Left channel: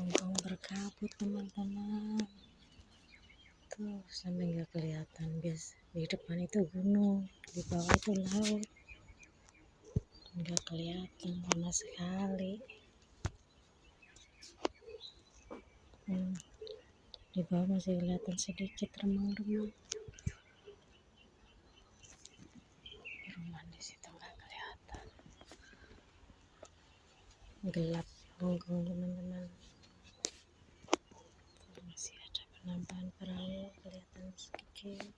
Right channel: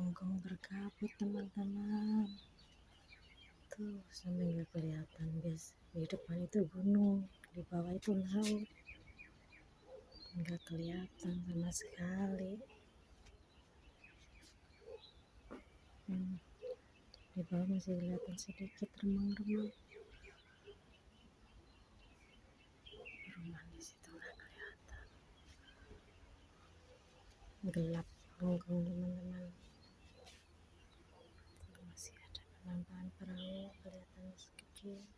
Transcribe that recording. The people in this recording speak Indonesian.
Hongkong berkabut teman-teman, tuh sampai nggak kelihatan guys. Di depan itu gunung, di bawah itu laut, nggak kelihatan sama sekali. Di bawah masih kelihatan sedikit remang-remang. Rumah di situ nggak kelihatan, gelap Hongkong teman-teman. Masih ada penampakan perahu kelihatan sedikit.